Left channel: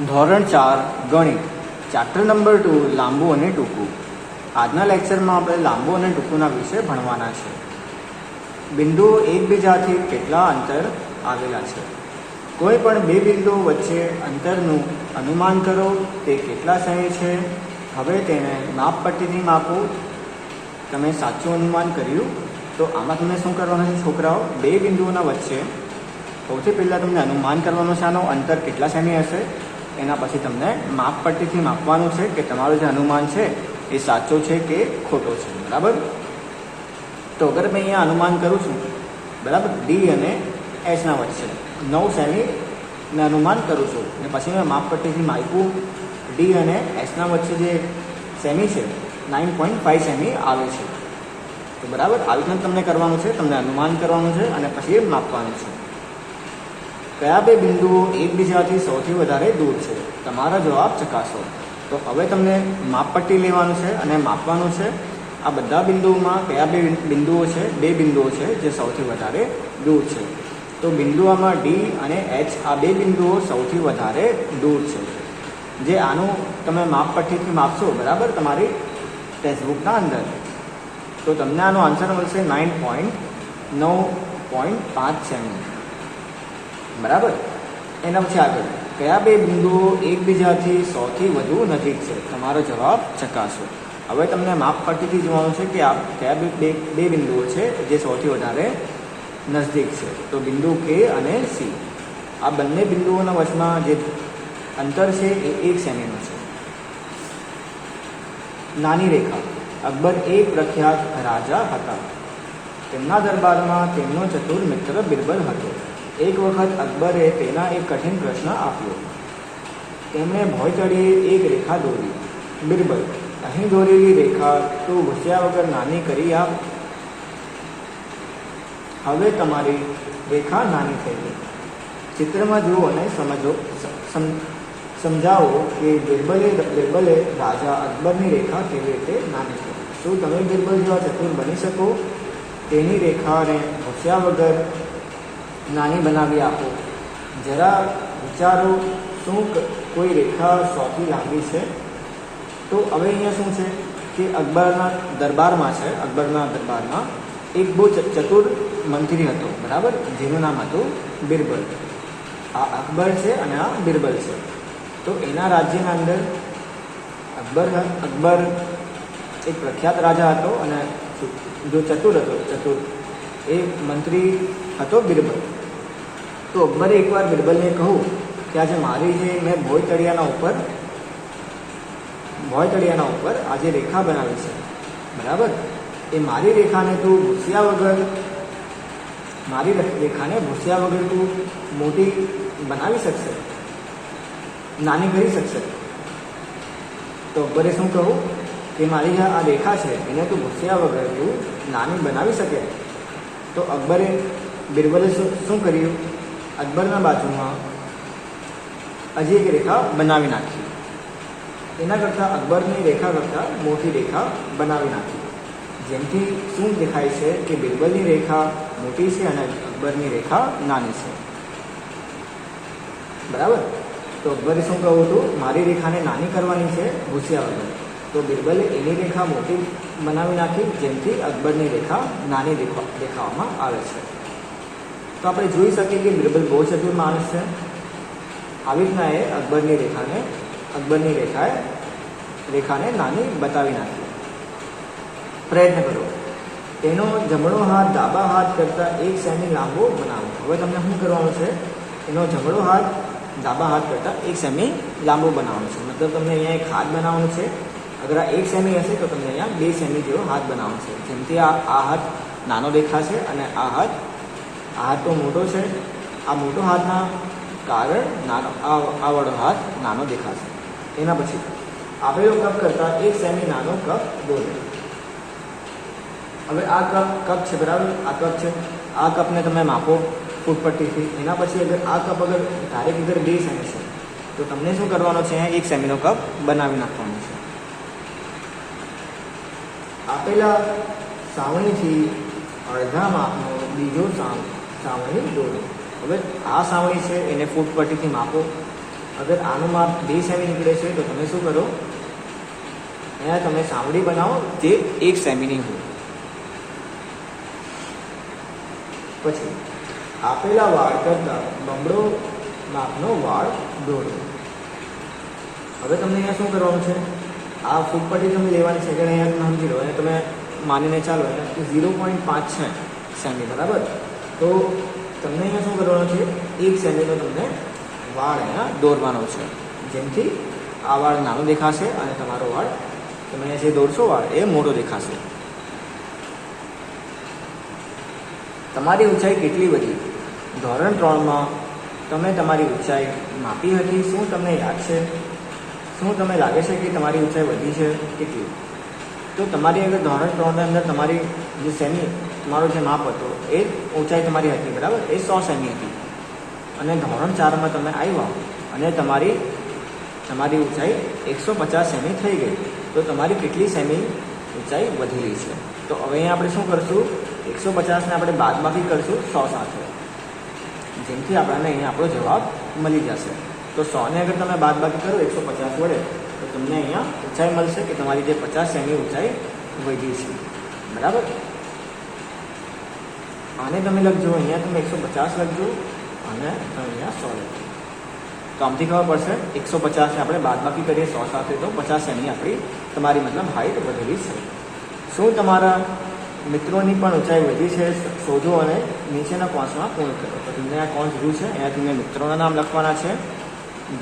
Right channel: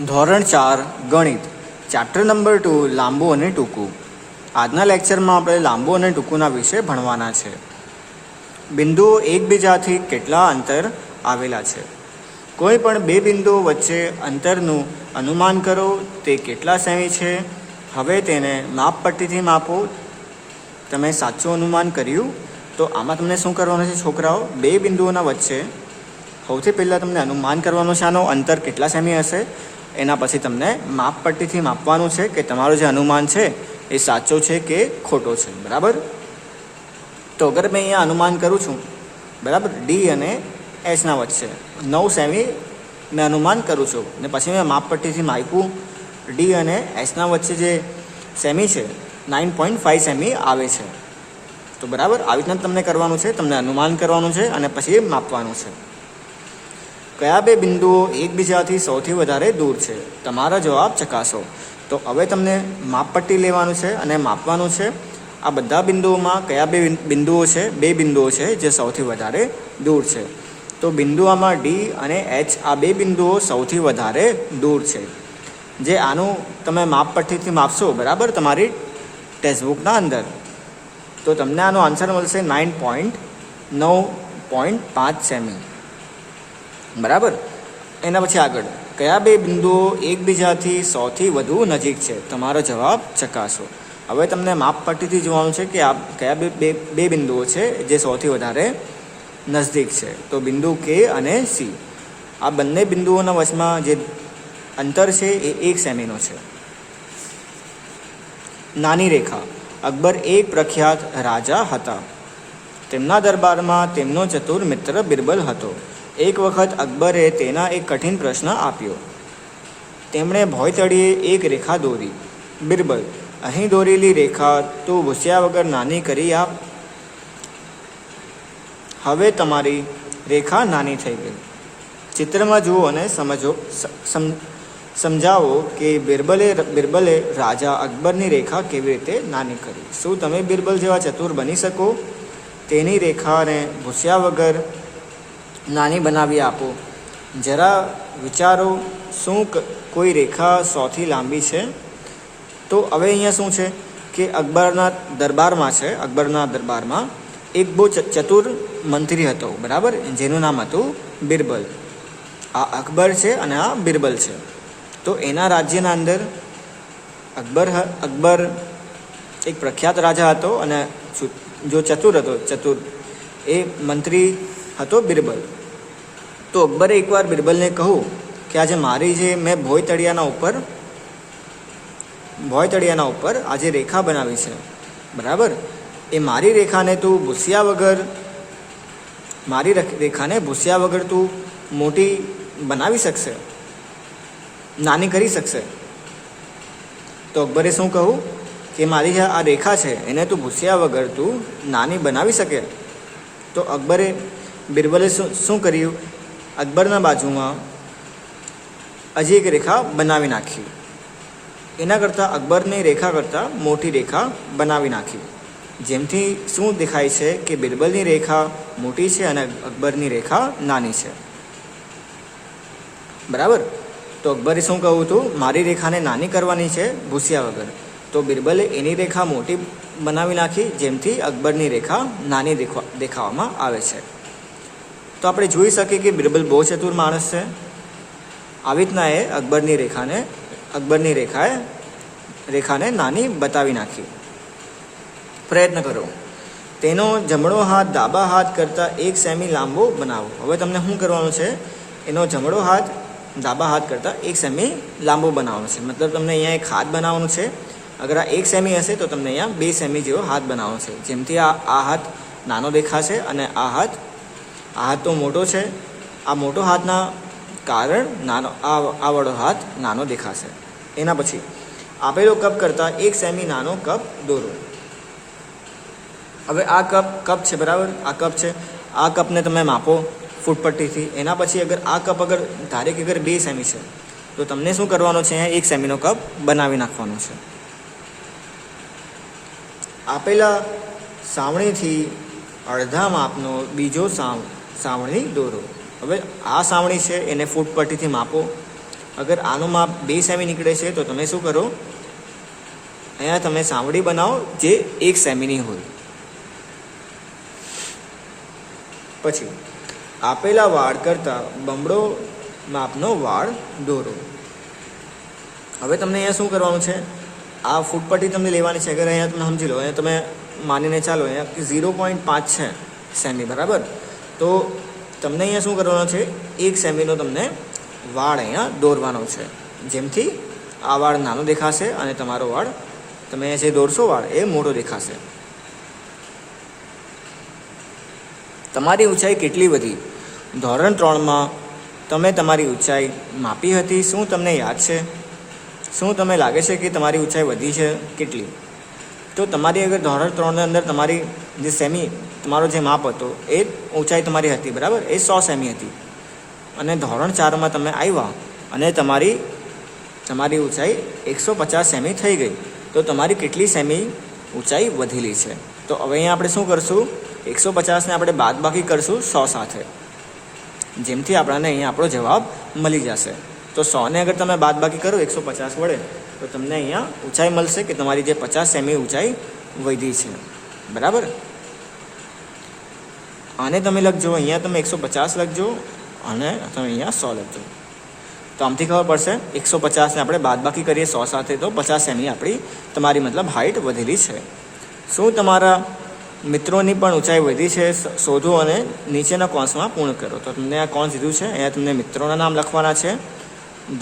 ધોરણ 4 ગણિત chapter number 2 લાંબુ અને ટૂંકું. આજના લેક્ચરમાં આપણે લાંબુ અને ટૂંકુના વિશે ભણવાના છે. બિંદુઓ એકબીજાથી કેટલા અંતર આવેલા છે? કોઈ પણ બે બિંદુઓ વચ્ચે અંતરનું અનુમાન કરો તે કેટલા સેમી છે. હવે તેને માપપટ્ટીથી માપો. તમે સાચું અનુમાન કર્યું તો આમાં તમને શું કરવાનું છે છોકરાઓ? બે બિંદુઓના વચ્ચે સૌથી પહેલાં તમને અનુમાન કરવાનું છે આનો અંતર કેટલા સેમી હશે. એના પછી તમને માપપટ્ટીથી માપવાનું છે કે તમારો જે અનુમાન છે એ સાચો છે કે ખોટો છે. બરાબર. તો અગર મેં અહીંયા અનુમાન કરું છું, બરાબર, ડી અને એસના વચ્ચે 9 સેમી મેં અનુમાન કરું છું અને પછી મેં માપપટ્ટીથી માપ્યું ડી અને એસના વચ્ચે જે સેમી છે 9.5 સેમી આવે છે. તો બરાબર આવી રીતના તમને કરવાનું છે. તમને અનુમાન કરવાનું છે અને પછી માપવાનું છે. કયા બે બિંદુઓ એકબીજાથી સૌથી વધારે દૂર છે? તમારો જવાબ ચકાસો. તો હવે તમને માપપટ્ટી લેવાનું છે અને માપવાનું છે આ બધા બિંદુઓમાં કયા બે બિંદુઓ છે. બે બિંદુઓ છે જે સૌથી વધારે દૂર છે. તો બિંદુઓમાં ડી અને એચ આ બે બિંદુઓ સૌથી વધારે દૂર છે. જે આનું તમે માપપટ્ટીથી માપશો, બરાબર, તમારી ટેક્સ્ટબુકના અંદર, તો તમને આનો આન્સર મળશે 9.5 સેમી. બરાબર. એના પછી આગળ કયા બે બિંદુઓ એકબીજાથી સૌથી વધુ નજીક છે? તમારો જવાબ ચકાસો. હવે તમને માપપટ્ટીથી જોવાનું છે કે આ કયા બે બિંદુઓ છે જે સૌથી વધારે નજદીક છે. તો બિંદુ કે અને સી, આ બંને બિંદુઓના વચમાં જે અંતર છે એ 1 સેમીનો છે. નાની રેખા. અકબર એક પ્રખ્યાત રાજા હતા. તેમના દરબારમાં તેમનો ચતુર મિત્ર બિરબલ હતો. એક વખત અકબરે તેના એક કઠિન પ્રશ્ન આપ્યો. તેમણે ભોંયતળિયે એક રેખા દોરી. બિરબલ: અહીં દોરેલી રેખા તું ભૂસ્યા વગર નાની કરી આપ. હવે તમારી રેખા નાની થઈ ગઈ. ચિત્રમાં જુઓ અને સમજાવો કે બિરબલે રાજા અકબરની રેખા કેવી રીતે નાની કરી. શું તમે બિરબલ જેવા ચતુર બની શકો? તેની રેખાને ભૂસ્યા વગર નાની બનાવી આપો. જરા વિચારો, શું કોઈ રેખા સૌથી લાંબી છે? તો હવે અહીંયા શું છે કે અકબરના દરબારમાં એક બહુ ચતુર મંત્રી હતો, બરાબર, જેનું નામ હતું બિરબલ. આ અકબર છે અને આ બિરબલ છે. તો એના રાજ્યના અંદર અકબર એક પ્રખ્યાત રાજા હતો અને જો ચતુર એ મંત્રી હતો બિરબલ. તો અકબરે એકવાર બિરબલને કહ્યું કે આજે મારી જે મેં ભોંયતળિયાના ઉપર આજે રેખા બનાવી છે, બરાબર, એ મારી રેખાને ભૂસ્યા વગર તું મોટી બનાવી શકશે, નાની કરી શકશે? તો અકબરે શું કહું કે મારી જે આ રેખા છે એને તું ભૂસ્યા વગર તું નાની બનાવી શકે? તો બિરબલે શું કર્યું? અકબરના બાજુમાં હજી એક રેખા બનાવી નાખી. એના કરતાં અકબરની રેખા કરતાં મોટી રેખા બનાવી નાખી. જેમથી શું દેખાય છે કે બિરબલની રેખા મોટી છે અને અકબરની રેખા નાની છે. બરાબર. તો અકબરે શું કહ્યું હતું? મારી રેખાને નાની કરવાની છે ભૂસ્યા વગર. તો બિરબલે એની રેખા મોટી બનાવી નાખી, જેમથી અકબરની રેખા નાની દેખાવામાં આવે છે. તો આપણે જોઈ શકીએ કે બિરબલ બહુ ચતુર માણસ છે. આવી રીતના એ અકબરની રેખાને નાની બતાવી નાખી. પ્રયત્ન કરો. તેનો જમણો હાથ ડાબા હાથ કરતાં 1 સેમી લાંબો બનાવો. હવે તમને શું કરવાનું છે? એનો જમણો હાથ ડાબા હાથ કરતાં 1 સેમી લાંબો બનાવવાનો છે. મતલબ તમને અહીંયા એક હાથ બનાવવાનું છે. અગર આ 1 સેમી હશે તો તમને અહીંયા 2 સેમી જેવો હાથ બનાવવાનો છે. જેમથી આ હાથ નાનો દેખાશે અને આ હાથ તો મોટો છે. આ મોટો હાથના કારણ આ વાળો હાથ નાનો દેખાશે. એના પછી આપેલો કપ કરતાં 1 સેમી નાનો કપ દોરો. હવે આ કપ છે, બરાબર, આ કપ છે. આ કપને તમે માપો ફૂટપટ્ટીથી. એના પછી આ કપ ધારે કે 2 સેમી છે તો તમને શું કરવાનું છે? 1 સેમીનો કપ બનાવી નાખવાનો છે. આપેલા સાવણીથી અડધા માપનો બીજો સાવણી દોરો. હવે આ સાવણી છે એને ફૂટપટ્ટીથી માપો. અગર આનું માપ 2 સેમી નીકળે છે તો તમે શું કરો, અહીંયા તમે સાંવડી બનાવો જે 1 સેમીની હોય. પછી આપેલા વાળ કરતાં બમણો માપનો વાળ દોરો. હવે તમને અહીંયા શું કરવાનું છે, આ ફૂટપટ્ટી તમને લેવાની છે. અગર અહીંયા તમે સમજી લો, અહીંયા તમે માનીને ચાલો અહીંયા 0.5 છે સેમી, બરાબર. તો તમને અહીંયા શું કરવાનું છે, 1 સેમીનો તમને વાળ અહીંયા દોરવાનો છે, જેમથી આ વાળ નાનો દેખાશે અને તમારો વાળ તમે જે દોરશો વાળ એ મોટો દેખાશે. તમારી ઊંચાઈ કેટલી વધી? ધોરણ 3માં તમે તમારી ઊંચાઈ માપી હતી. શું તમને યાદ છે? શું તમને લાગે છે કે તમારી ઊંચાઈ વધી છે કેટલી? તો તમારી અગર ધોરણ 3ની અંદર તમારી જે સેમી તમારો જે માપ હતો એ ઊંચાઈ તમારી હતી, બરાબર, એ 100 સેમી હતી. અને ધોરણ 4માં તમે આવ્યા અને તમારી ઊંચાઈ 150 સેમી થઈ ગઈ. તો તમારી કેટલી સેમી ઊંચાઈ વધેલી છે? તો હવે અહીંયા આપણે શું કરશું, 150ને આપણે બાદબાકી કરશું 100 સાથે, જેમથી આપણને અહીંયા આપણો જવાબ મળી જશે. તો 100ને અગર તમે બાદબાકી કરો 150 વડે તો તમને અહીંયા ઊંચાઈ મળશે કે તમારી જે 50 સેમી ઊંચાઈ વધી છે, બરાબર. આને તમે લખજો, અહીંયા તમે 150 લખજો અને તમે અહીંયા 100 લખજો. તો આમથી ખબર પડશે 150ને આપણે બાદબાકી કરીએ 100 સાથે તો 50 સેમી તમારી મતલબ હાઇટ વધેલી છે. શું તમારા મિત્રોની પણ ઊંચાઈ વધી છે? શોધો અને નીચેના કૌંસમાં પૂર્ણ કરો. તો તમને આ કૌંસ દીધું છે, અહીંયા તમને મિત્રોના નામ લખવાના છે.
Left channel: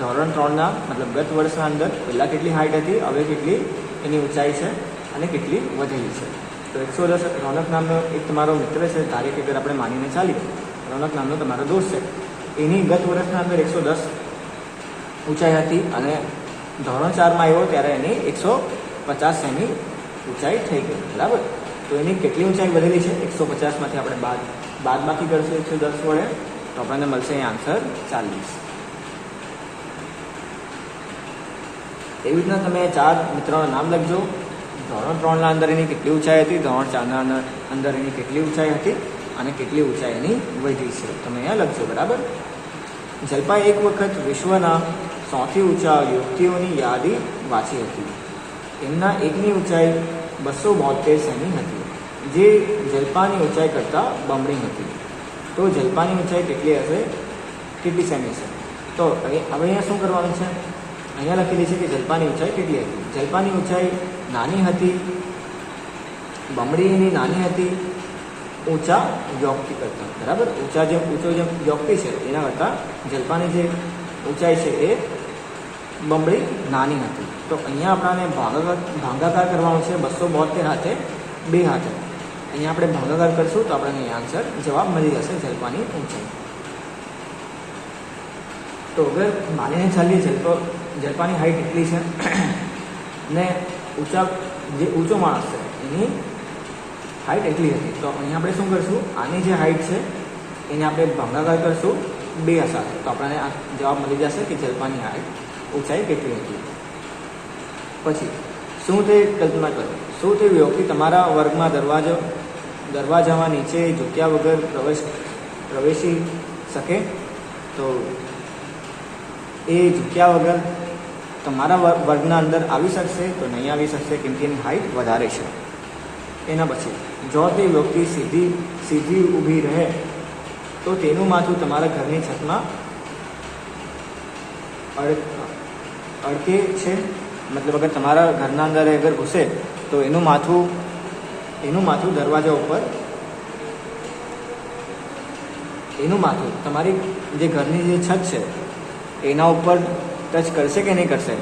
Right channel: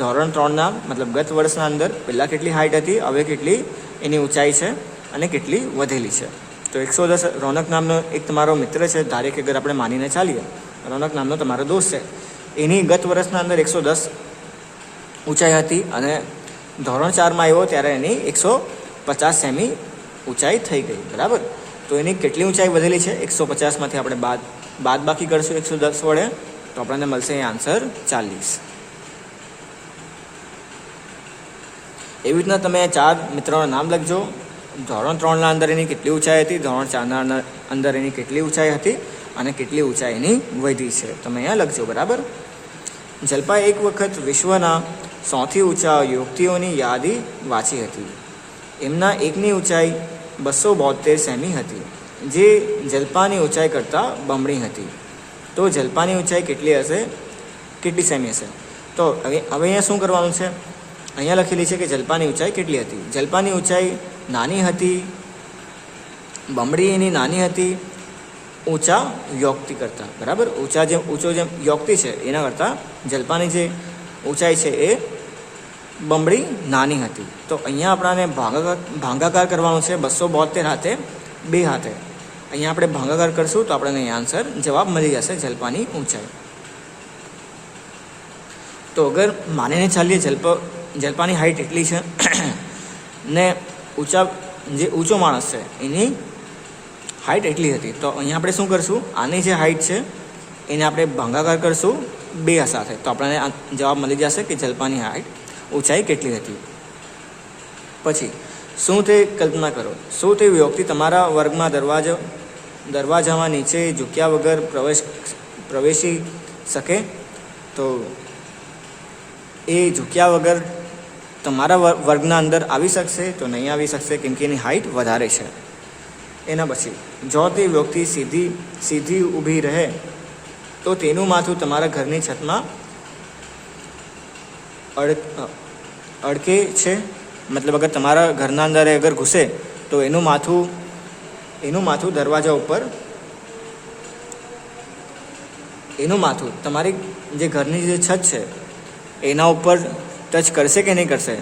ધોરણ 3ના મતલબ ગત વર્ષના અંદર પહેલાં કેટલી હાઇટ હતી, હવે કેટલી એની ઊંચાઈ છે અને કેટલી વધેલી છે. તો 110 રોનક નામનો એક તમારો મિત્ર છે, ધારે કે અગર આપણે માનીને ચાલીએ રોનક નામનો તમારો દોસ્ત છે, એની ગત વર્ષના અંદર 110 ઊંચાઈ હતી અને ધોરણ 4માં આવ્યો ત્યારે એની 150 સેમી ઊંચાઈ થઈ ગઈ, બરાબર. તો એની કેટલી ઊંચાઈ વધેલી છે? 150માંથી આપણે બાદબાકી કરશું 110 વડે તો આપણને મળશે અહીં આન્સર 40. એવી રીતના તમે 4 મિત્રોના નામ લખજો. ધોરણ 3ના અંદર એની કેટલી ઊંચાઈ હતી, ધોરણ 4ના અંદર એની કેટલી ઊંચાઈ હતી અને કેટલી ઊંચાઈ એની વધી છે તમે અહીંયા લખજો, બરાબર. જલ્પાએ એક વખત વિશ્વના સૌથી ઊંચા યુવતીઓની યાદી વાંચી હતી. એમના એકની ઊંચાઈ 272 સેમી હતી, જે જલ્પાની ઊંચાઈ કરતાં બમણી હતી. તો જલ્પાની ઊંચાઈ કેટલી હશે, કેટલી સેમી હશે? તો હવે અહીંયા શું કરવાનું છે, અહીંયા લખેલી છે કે જલ્પાની ઊંચાઈ કેટલી હતી. જલ્પાની ઊંચાઈ નાની હતી, બમણી એની નાની હતી ઊંચા વ્યક્તિ કરતાં, બરાબર. ઊંચો જે વ્યક્તિ છે એના કરતાં જલ્પાની જે ઊંચાઈ છે એ બમણી નાની હતી. તો અહીંયા આપણને ભાગાકાર કરવાનું છે 272 હાથે 2 હાથે. અહીંયા આપણે ભાગાકાર કરશું તો આપણને અહીંયા આન્સર જવાબ મળી જશે જલ્પાની ઊંચાઈ. તો અગર માનીને ચાલીએ જલ્પાની હાઇટ એટલી છે ને જે ઊંચો માણસ છે એની હાઇટ એટલી હતી. તો અહીંયા આપણે શું કરશું, આની જે હાઇટ છે એને આપણે ભાગાકાર કરશું 2 સાથે તો આપણને જવાબ મળી જશે કે જલ્પાની હાઇટ ઊંચાઈ કેટલી હતી. પછી શું તે કલ્પના કરો, શું તે વ્યક્તિ તમારા વર્ગમાં દરવાજામાં નીચે ઝૂક્યા વગર પ્રવેશી શકે? તો એ ઝૂક્યા વગર તમારા વર્ગના અંદર આવી શકશે? તો નહીં આવી શકશે, કેમ કે એની હાઇટ વધારે છે. એના પછી જો તે વ્યક્તિ સીધી ઊભી રહે તો તેનું માથું તમારા ઘરની છતમાં અડકે છે. મતલબ અગર તમારા ઘરના અંદર અગર ઘૂસે તો એનું માથું દરવાજા ઉપર, એનું માથું તમારી જે ઘરની જે છત છે એના ઉપર ટચ કરશે કે નહીં કરશે,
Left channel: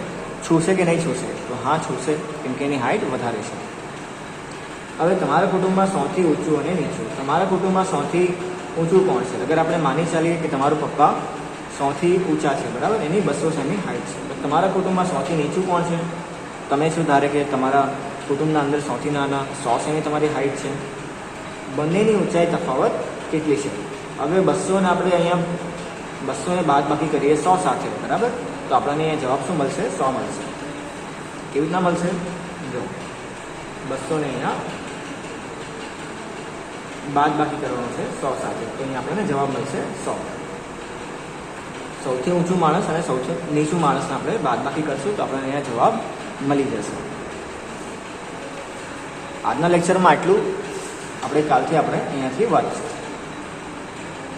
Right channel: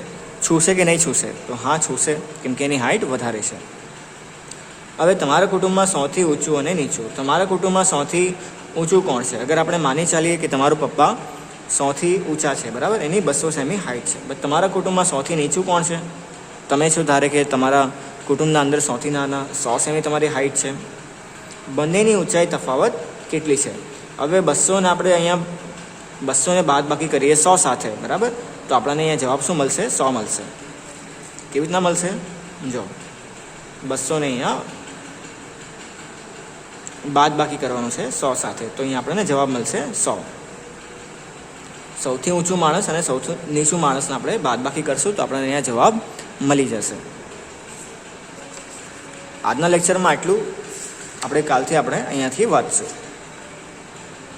છૂશે કે નહીં છૂશે? તો હા છૂશે, કેમ કે એની હાઇટ વધારે છે. હવે તમારા કુટુંબમાં સૌથી ઊંચું અને નીચું, તમારા કુટુંબમાં સૌથી ઊંચું કોણ છે? અગર આપણે માની ચાલીએ કે તમારું પપ્પા સૌથી ઊંચા છે, બરાબર, એની 200 સેમી હાઇટ છે. બટ તમારા કુટુંબમાં સૌથી નીચું કોણ છે? તમે શું ધારે કે તમારા કુટુંબના અંદર સૌથી નાના 100 સેમી તમારી હાઇટ છે. બંનેની ઊંચાઈ તફાવત કેટલી છે? હવે 200ને આપણે અહીંયા 200ને બાદબાકી કરીએ 100 સાથે, બરાબર, તો આપણને અહીંયા જવાબ શું મળશે? 100 મળશે. કેવી રીતના મળશે? જો 200ને અહીંયા બાદબાકી કરવાનું છે 100 સાથે, તો અહીંયા આપણને જવાબ મળશે 100. સૌથી ઊંચું માણસ અને સૌથી નીચું માણસને આપણે બાદબાકી કરશું તો આપણને અહીંયા જવાબ મળી જશે. આજના લેક્ચરમાં આટલું. આપણે કાલથી અહીંયાથી વાંચશું.